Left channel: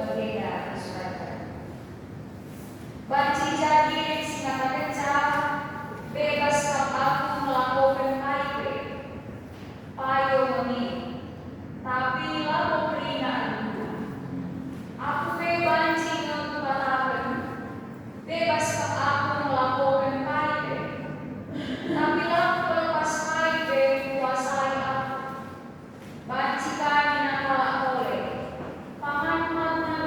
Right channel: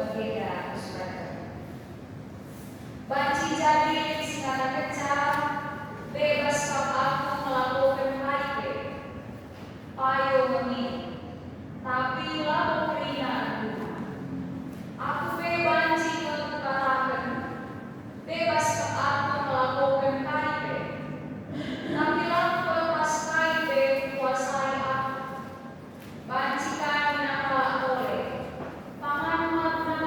berbeda, saudara. Banci jadi senjata kecil, bebas aku melakukan paite, payo meni, tapi lalu rina aku bebanci kekutakan, bebas aku melakukan paite, tapi lalu lepas paite kuasai aku, banci kami nakala oleh, paman magna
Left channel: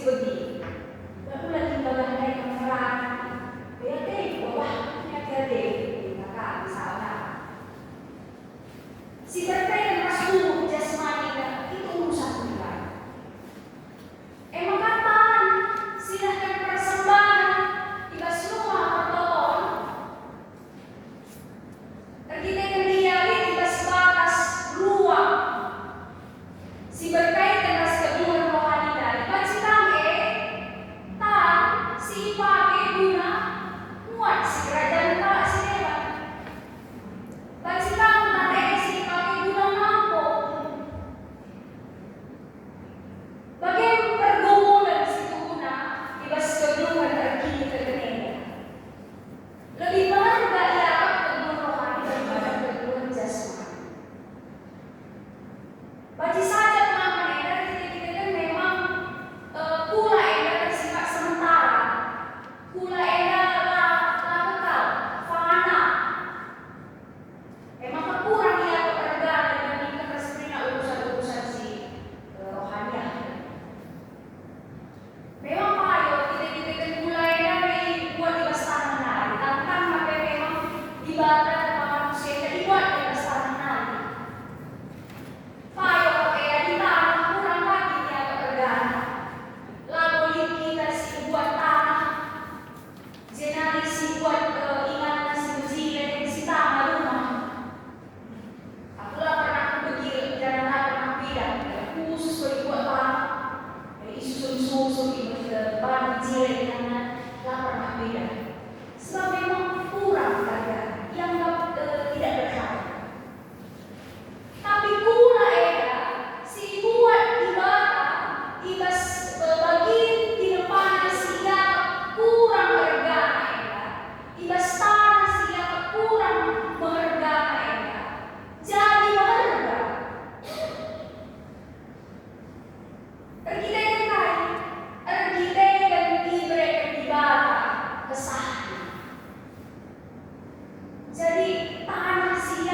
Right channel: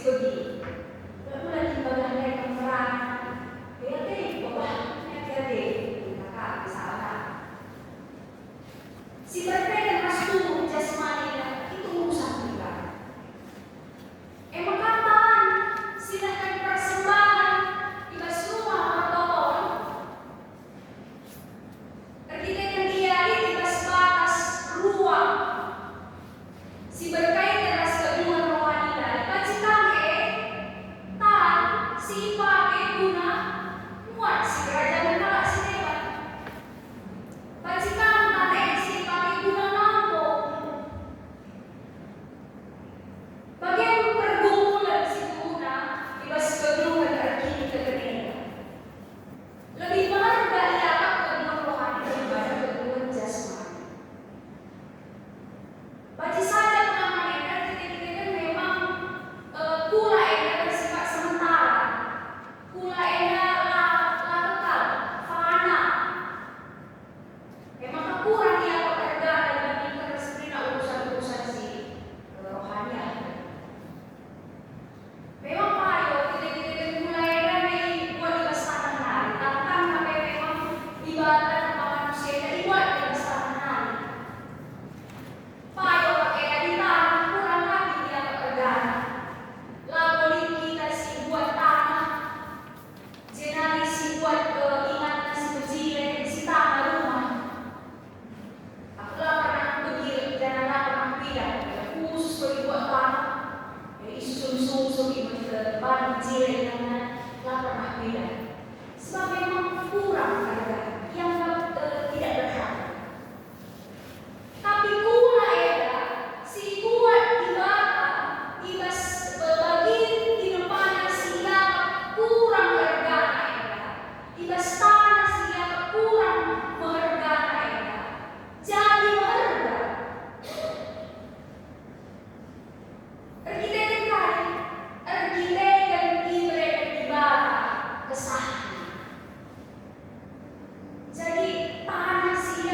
Sigodi. Lalu lagi bagahnya kemerang. Bea wah, di kakak misalnya. Si berkaitan mas tubuh jasmani itu urusan kita. Emang kapan silahkan persembahan ibas rumah ortoton. Artinya dia ibas batas ruang. Si berkaitan ras kedua rohani dari pancikake tan si pake guna muat si kerajaan kalah si hebat. Pancikan nanti si pake guna mampu. Bagian pergumulan si guna ibas kedua arti kegenera. Lebih berharga ia kedua rohani daripada kedua jasmani. Baca saja pengaman kita kan memang kula eda bersifat sementara, kula eda lah kekal, fana. Memang kurang ia pekerja dibandingkan seperti urusan-urusan si rohaniah. Memang payo kita kan kula eda dibuat di tanah nari, tanpa memang ibadah manusia dibuat di tanah nari. Payo pakai di tanah kurang lagi dia pekerjaan. Lalu kita si buat tanah, jenari si buat ingatan si bejilin si tanah rumah. Aku lah pernah pergi jalan pernah pindah, khusus bagi buat tanah. Isu-isu di depan bejilin lah pernah pindah. Sebab memang kurang ada yang tidak berhak. Tapi kula eda si buat ibadah ibas bagi di depan siap kurang berharga eda ibas tanah siap kurang berharga eda jadi berharga. Ergite ibadah ibadah kesahan. Jadi tanah siap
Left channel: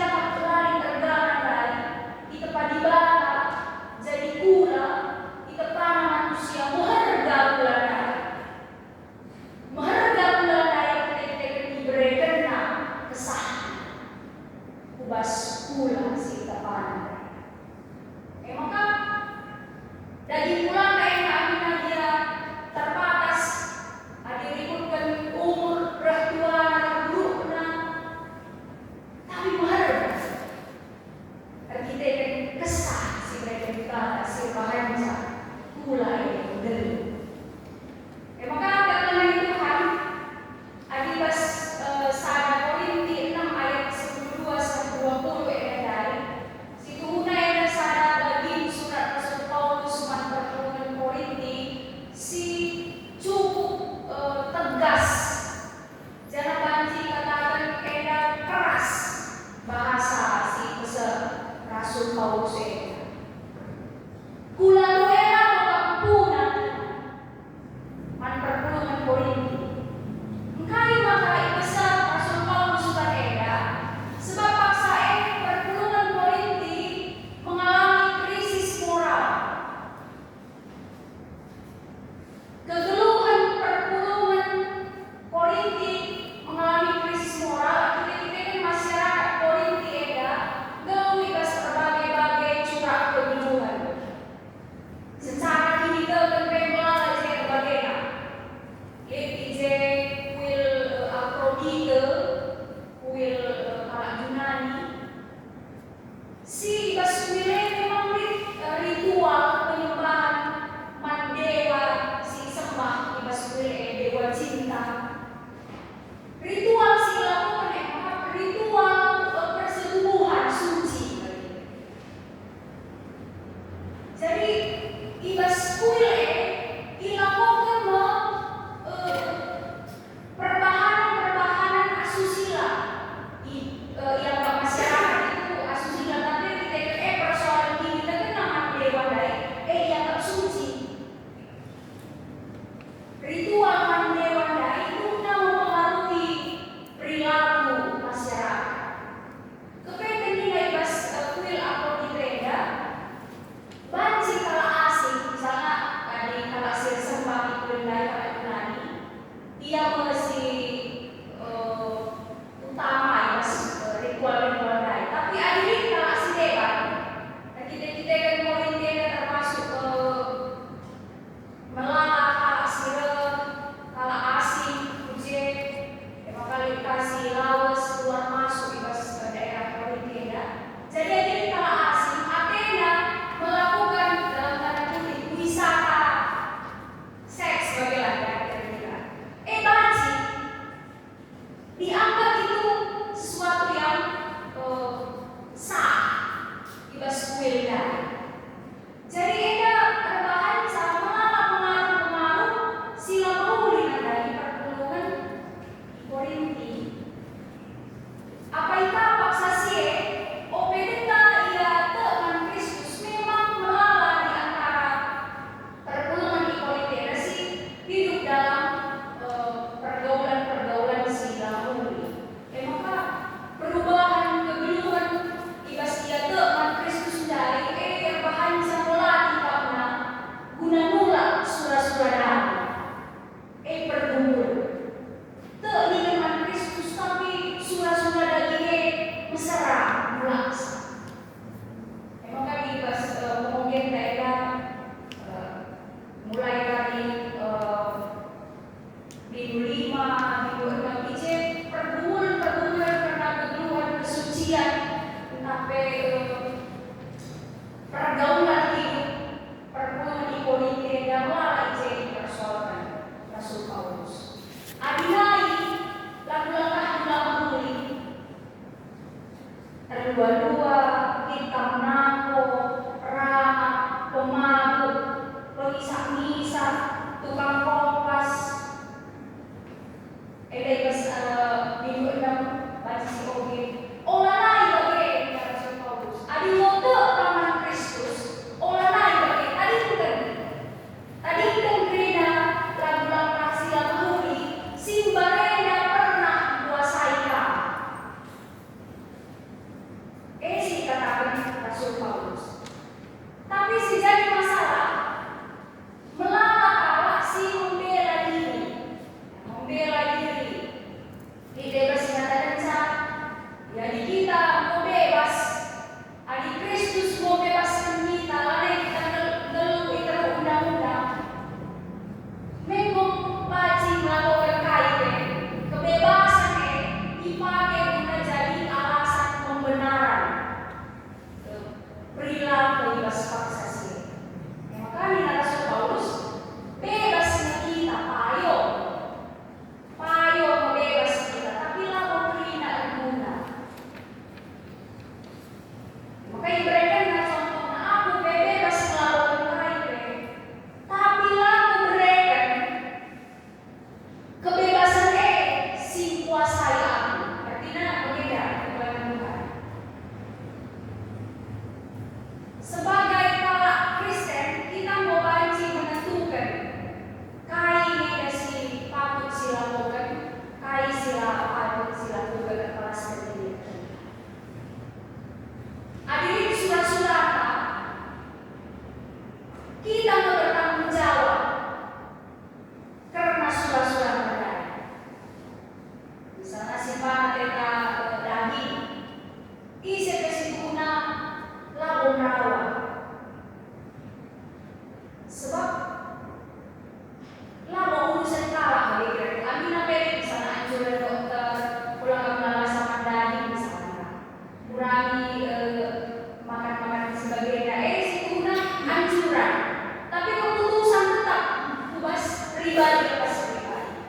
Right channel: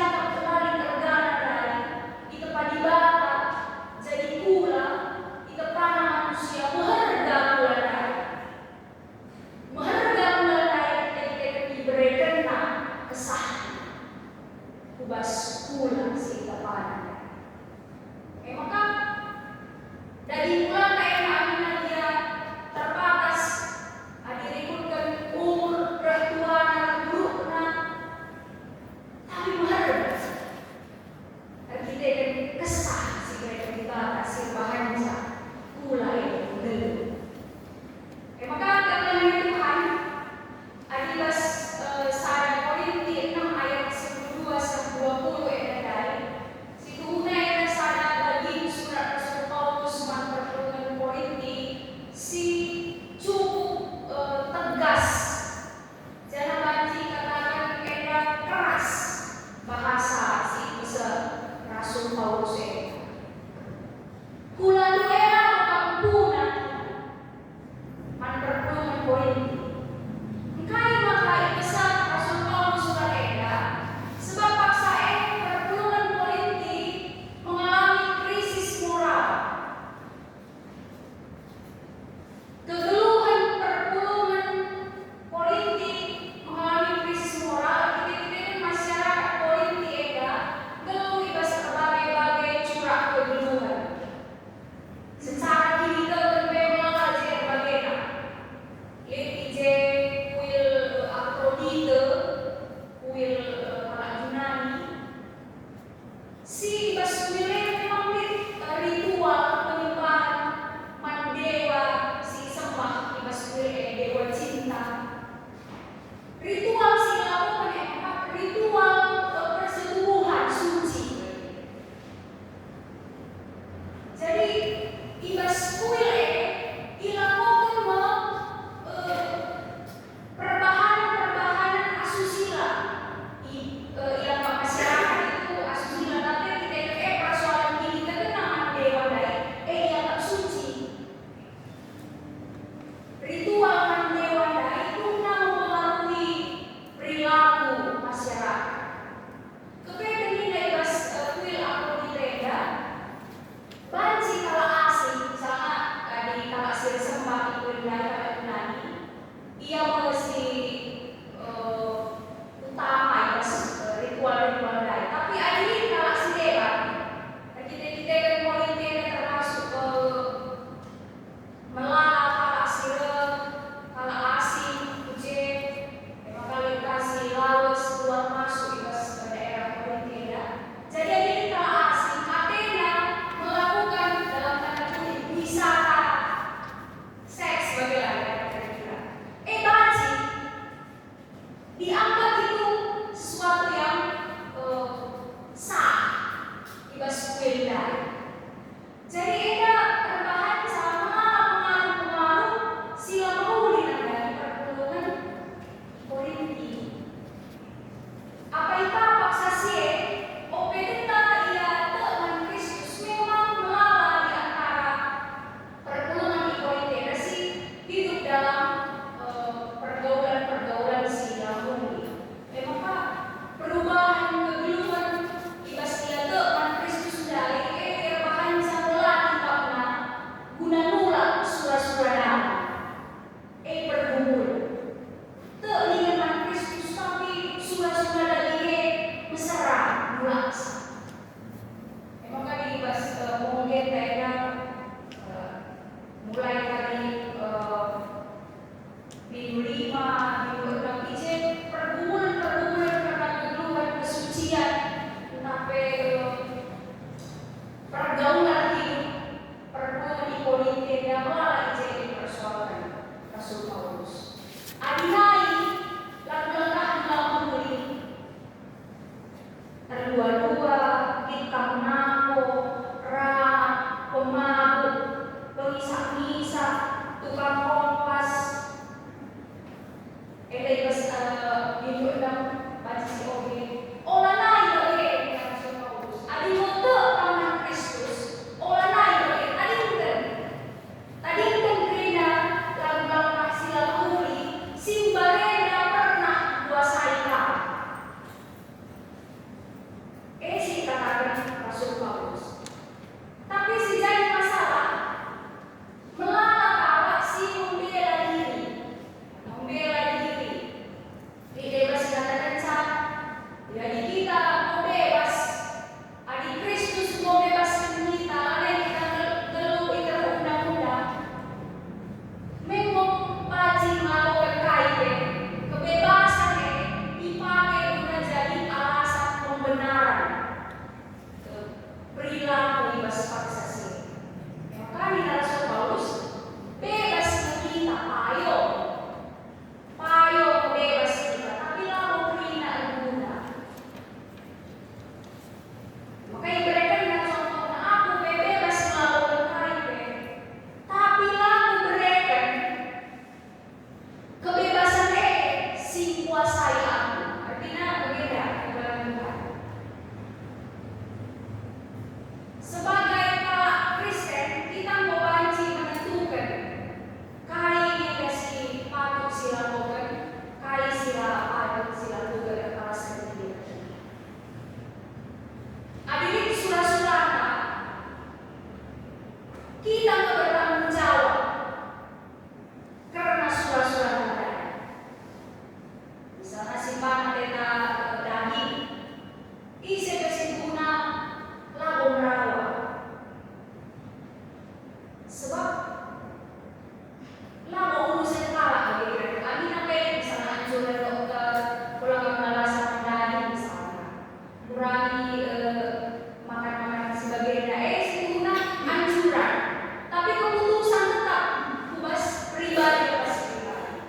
pribadi pasti pribadi.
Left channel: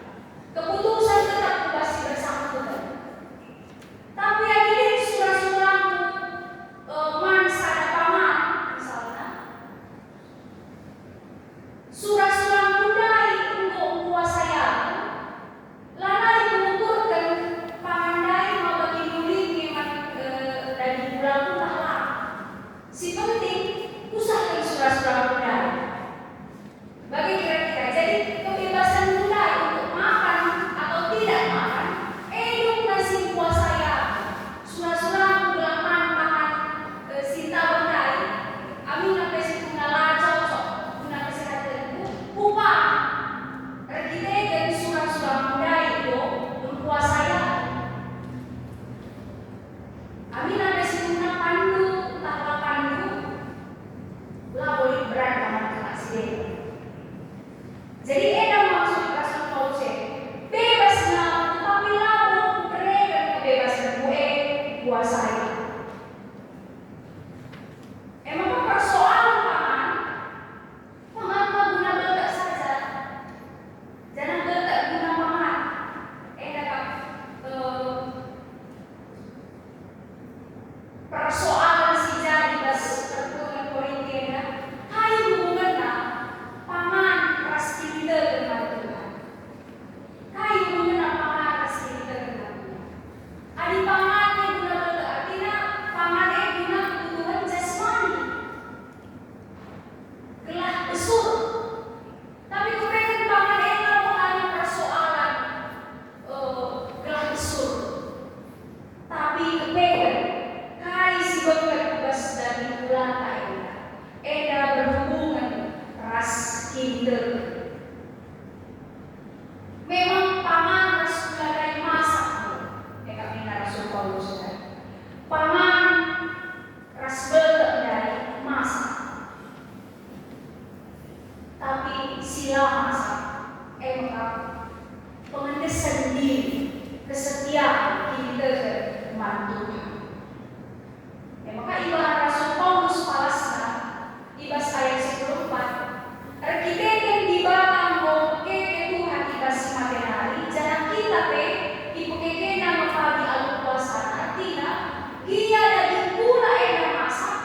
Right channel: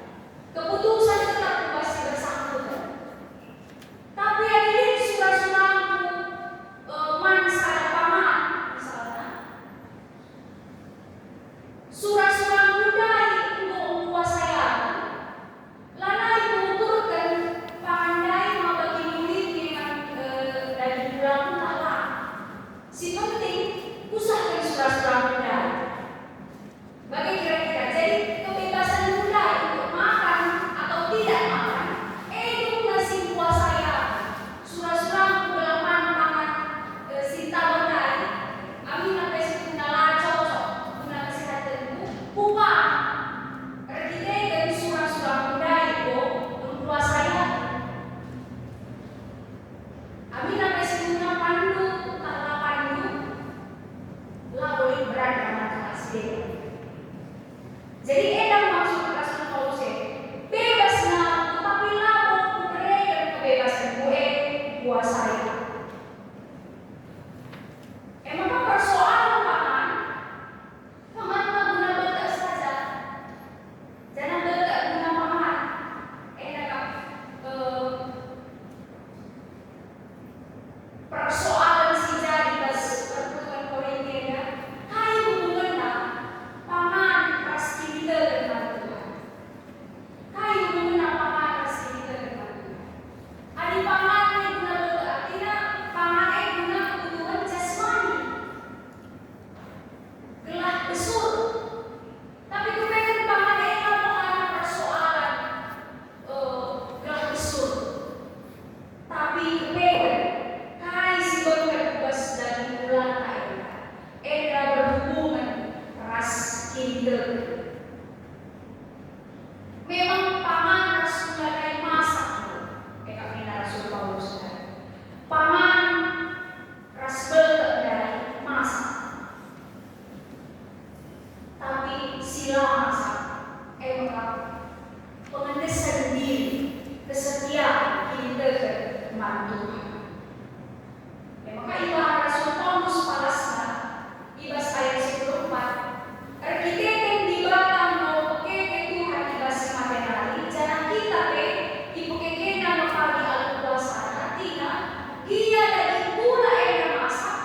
Keputusan tetap pasti bersangkutan. Tapi akhirnya surah-surahku mansa dan paman misalnya. Surah-surah budaya untuk menguasai aku. Lanai mengukurkan pangandai mau bagi murid yang dari bulan pun tak lah. Si penting usahakan surah-surah budaya. Bagi kira-kira jadi kebebasan budaya untuk makan atau tidak makan. Eduk nasi kuasai aku. Surah-surah belaman pangan sinta budaya. Amin sampai setengah lacok guna kesehatanku. Upah kita dari surah-surah budaya itu menguasai aku. Amin sampai setengah pandu tak pandu lah boleh berat sama kasih. Jadi edah maksud Rasul Paulus bebas nak tapi lalu mereka kebebasan gue kuasai. Emang persoalan paman guna betak saja. Jangan betak guna paman. Persoalan si jadi bas pertemuan Korintia. Hai hubungannya paman pasti kita dengan Tuhan. Hai hubungannya paman pasti kita dengan Tuhan. Adi paman yang guna betak artinya paman guna kebutuhan jasmani. Gelah besar. Tapi kepengen paman bukan persoalan gelah besar. Tapi kepengen kai si dokter bebas dari bulan lain. Eda berhubungan ras kinder. Memang paman ras dari masak. Kami Rasul Paulus. Paman ras betak dari masak. Tapi sila masak pengentesan diri kesetiaan kita kepada Tuhan. Maka ibarat Rasul Paulus palasna ibas ayat 14 arkiteken di batang mau pekeke Tuhan ibas materi jangan kita ipukeke nama kami alu kuasa artinya dia dari pula masak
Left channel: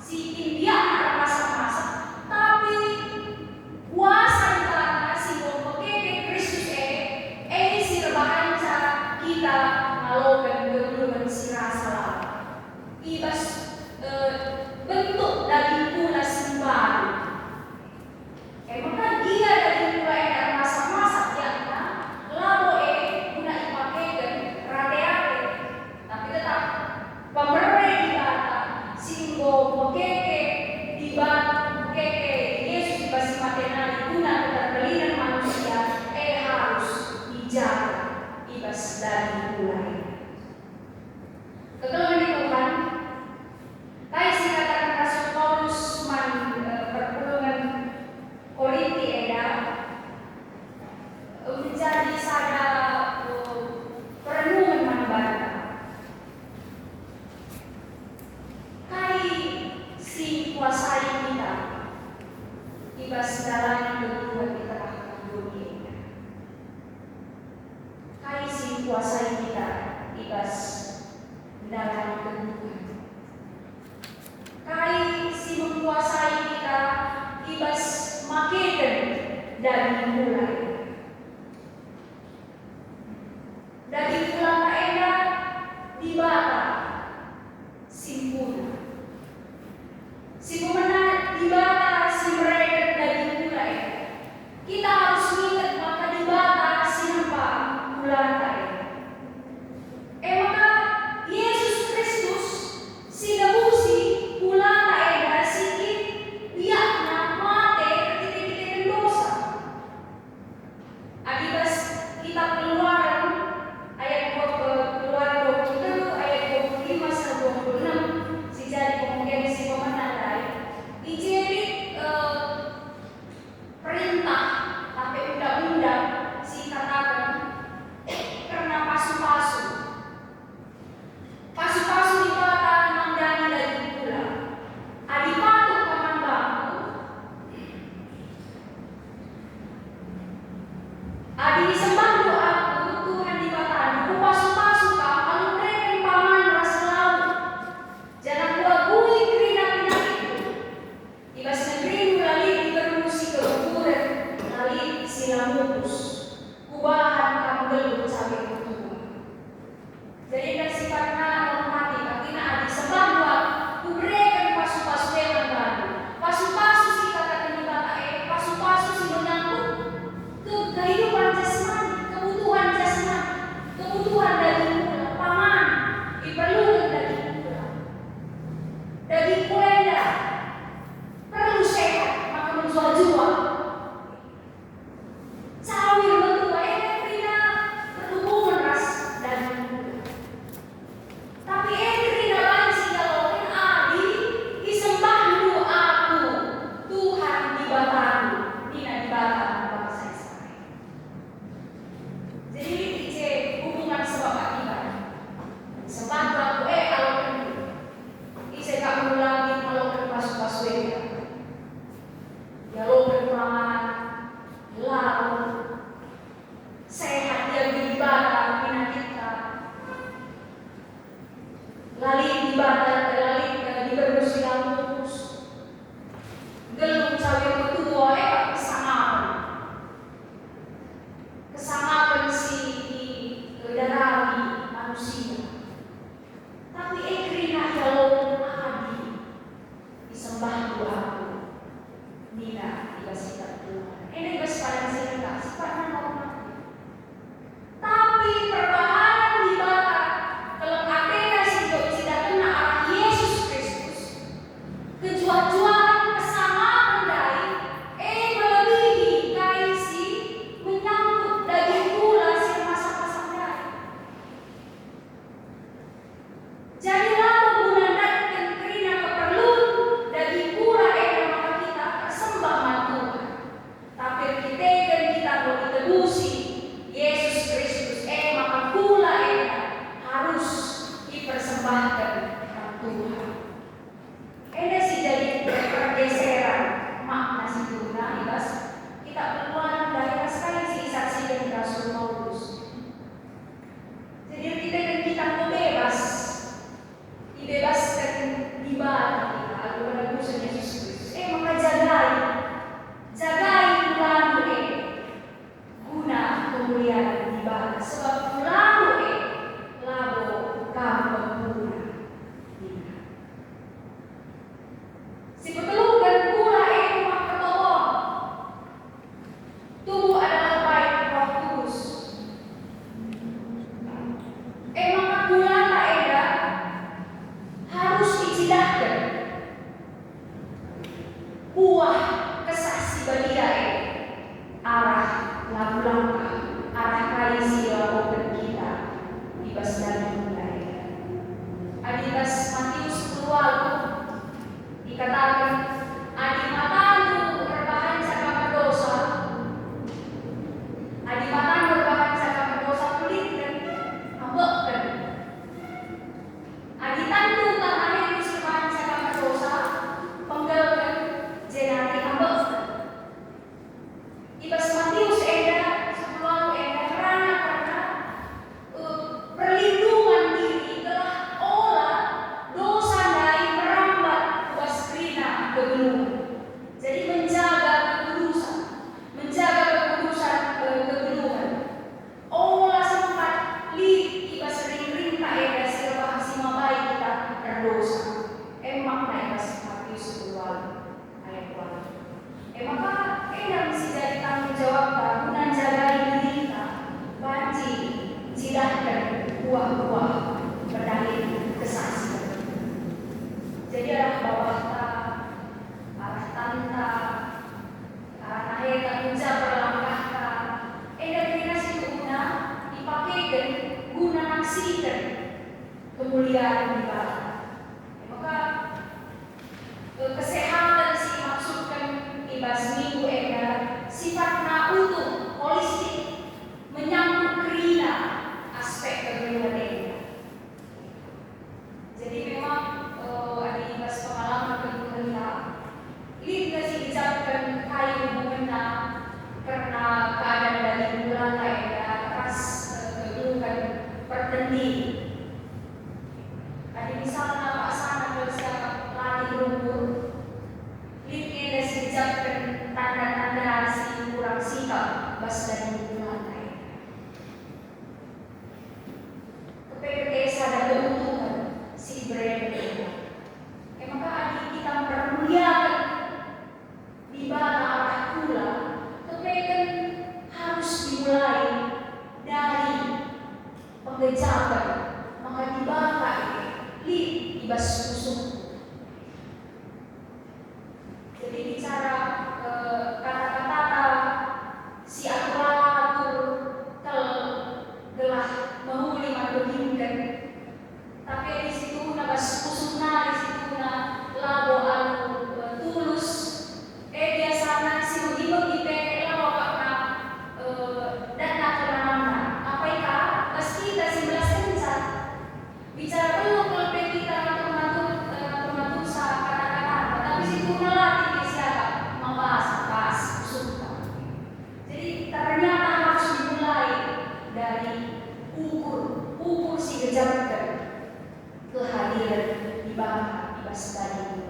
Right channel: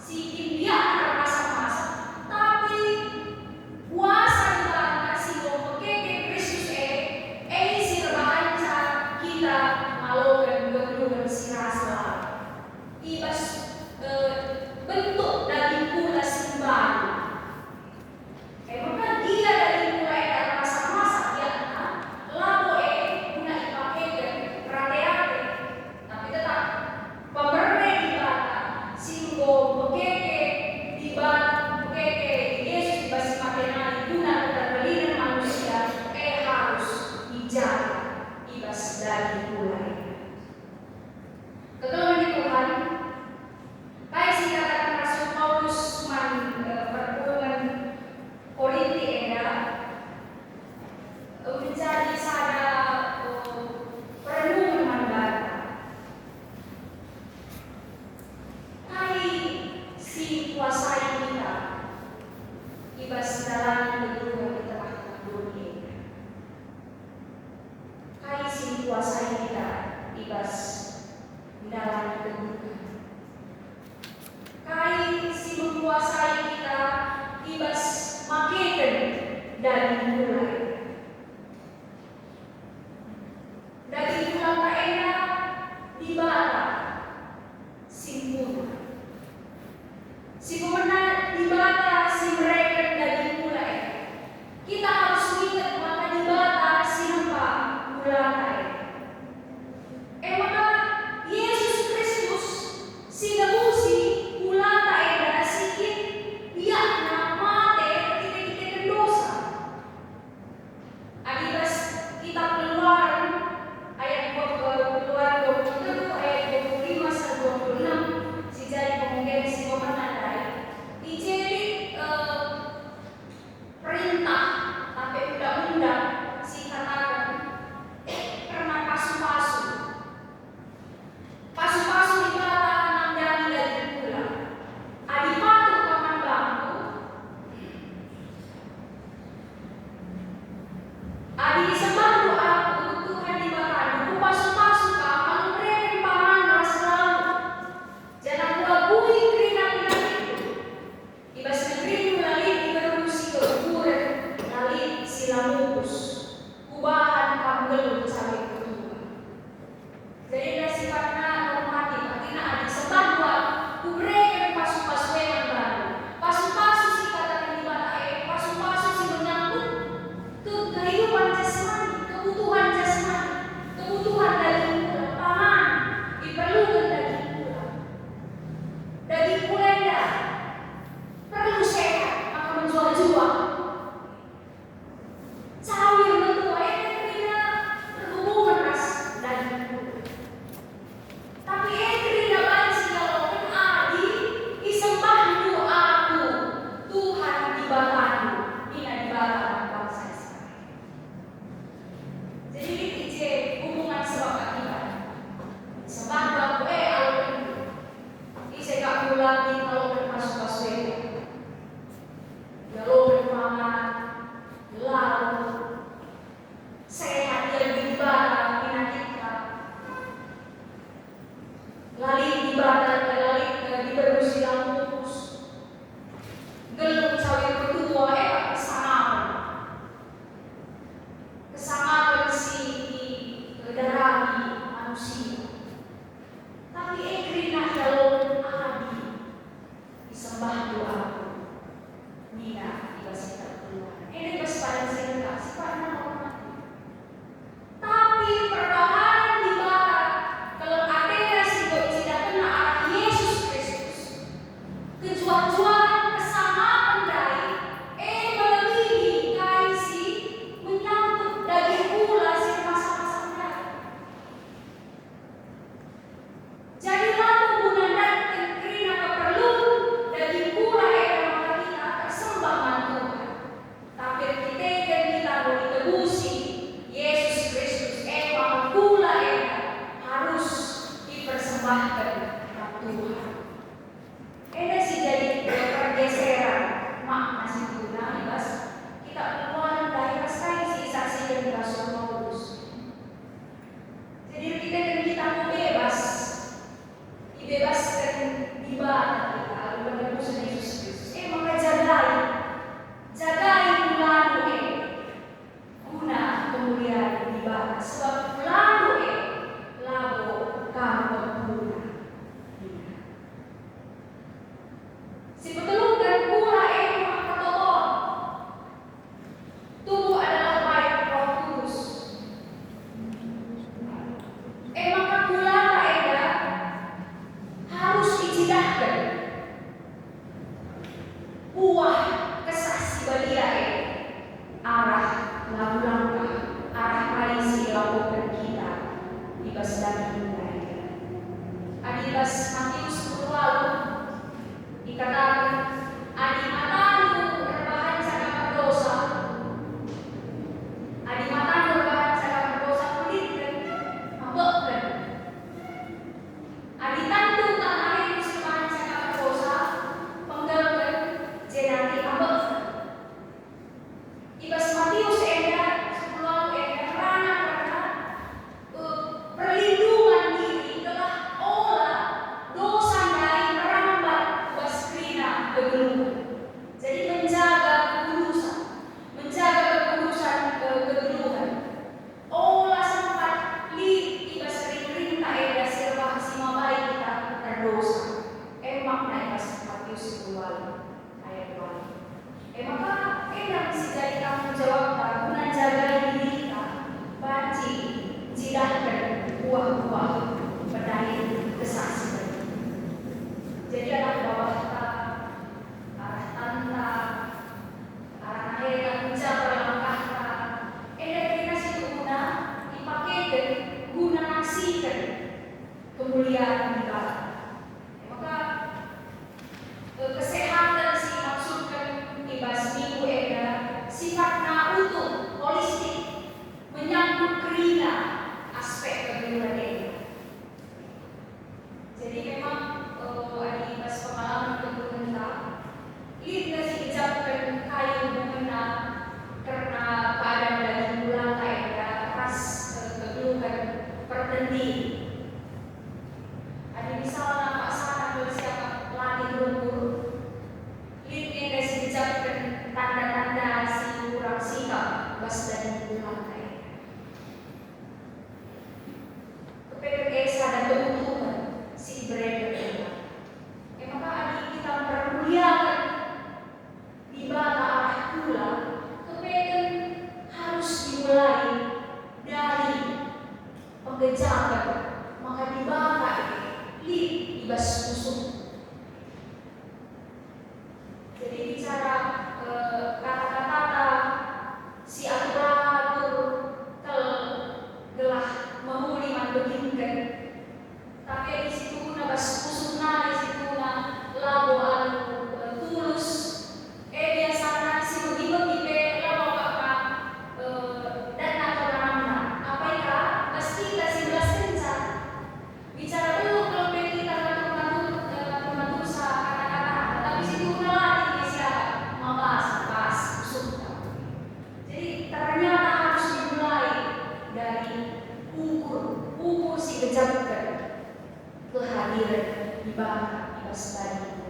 si India masak tapi kuasa di tanah si pekeke Kristus si terbahanca kita ngalokan kedua si rasa ibas bentuk dari pula simbahan. Maka dia dari pula yang masak-masak ya, labo guna ipakekan rate-rate. Tapi tetap pemerintah di bata singgo mekeke di bata mekeke Yesus dibasi materi guna keterbelian manusia harus dijaga ibas dari pula. Kegelangan Tuhan. Baik dikatakan Rasul Paulus perpuluhan Korinti menjadi sada perenungan manbaru. Hai si kuasai kita ibas dalam kehidupan di tengah dunia. Hai si kuasai kita ibas dalam kehidupan. Kai si menguasai kita ibas makedan dari mulai. Dari pulang kaenda di bata simpuna. Simpuna di bata si mereka dari mulai. Kita harus ingat maka di bata si nampak bulan kai. Maka Yesus Kristus si debusi bulan kaenda sikit biakna mate ketika kita dosa. Adi disembah doaku, Tuhan di bataku, pasu-pasu kamu mereka paman ras laut. Jangan kuagui kerina pinakku. Ibas negeri mulai diberusi ke ukuran, nali silamupus. Kubahan kamu gelut sampai ketua. Jadi ada sifatnya normatif, artinya adi sembah doaku, mereka pasu-pasu yang baru. Pasu-pasu si katakan di bataku, pasu-pasu si menyangkut ke kehidupan jasmani, kebutuhan jasmani, kebutuhan daging pula, pangan diperlukan daging pula, daging pulenda perlu sehat maka menjual-jual. Cawir mentua ini tidak berhubungan ras daging pula, tapi tidak banci kalau kan adi disembah doaku, Tuhan di bataku, tidak di bataku bangsa Israel. Jadi ini hubungan sebab akibat. Sebab aku alokan ise kak mulai alokan pas beda. Alokan paman, lalu sehat dia beribadah pina kita. Lali ibadah lali diberusi lampus. Gelung cawe kedua kesangawan si darami manusia. Tapi ekrina dalam adi disembah doaku. Nina dikasihkan Tuhan. Ini kesepadan sehingga sifatnya normatif. Tapi perbahanan di barat kalau katanya tidak kena arah Yesus Kristus. Kejual-jualan kesamaan dari melebihi kaisi menyangkut daging pula si masak-masak dari. Jadilah menggunakan kerina keperluan daging pula maka kita tersembah Tuhan. Tapi kita boleh tebusi Yesus Kristus maka pula harus dipersembahkan kepada Tuhan. Ini sih jadi pergeseran makna situ. Nah, ibas kita perluan daerah sekali sih saksikan di Rasul Paulus. Jadi kita mau bebas, dibebaskan di mana kita ada menebus Yesus Kristus. Maka jagai mulanu guna kemuliaan di mana. Sebab mulanu labo kamu guna. Si petulungan pula mak ketolong. Tubuh adalah baik Roh Kudus. Maka pula harus dicidahkan buah kesaksi balia arah lagu langkah arah kaisi lakukan kita di pasdaging mereka. Adibas Matius 10 dikatakan adi matamu rebahan cakap dosa, adi matamu rebahan cakap dosa kulitkan mabokkan, adi tantu tanah itu rebahan cakap dosa penggelkan jenati mabokkan. Ibas Matius sebelum karena perlindungan diri telah olah dosa lain merambat baskrina kegeluhan. Jadi menjaga kekudusan kegeluhan. Olah sempat ibas sering tak siapa sima baik kita berdosa. Makna ibas Matius 10 ayat 1. Maka yang si jadi tanggung jawab guna jaga diri kita, banci cidahkan buah-buah berdalih kesaksian. Jadi arah bawah kita, arah tanda, arah akhir menjaga langkah kita. Kita situ guna dipakai guna naksikan kemuliaan di bawah. Maka kesehatan si maksudkan ibas minggu sifatnya utuh, holistik, menyangkut kerina aspek kegeluhan. Jadi memang ada ibas pengalaman kegeluhan ini tidak diucapkan kali hubungan karena keadaan dari bulan lantai. Kepedesan dan keuntungan si berada. Maka adik kita mempermuliakan di bawah arah pula. Kepedesan harus dimulai dari pengejaban. Maka di bawah libas musuh. Jadi bicara kata-kata si aparatur telah mengulikan beginikan, tapi di situ nabas kusuna, di situ na labo tulus, biasanya si menghibur di labo na dan atau mana apa ika pasti kita si belas kencan bicara kalau kita mengatur sa kata-kata, tapi situ nalar siapa membahas suka. Jadi ternyata harus dimulai dari ukur si kejabat kehadiran di bangsa di tadi.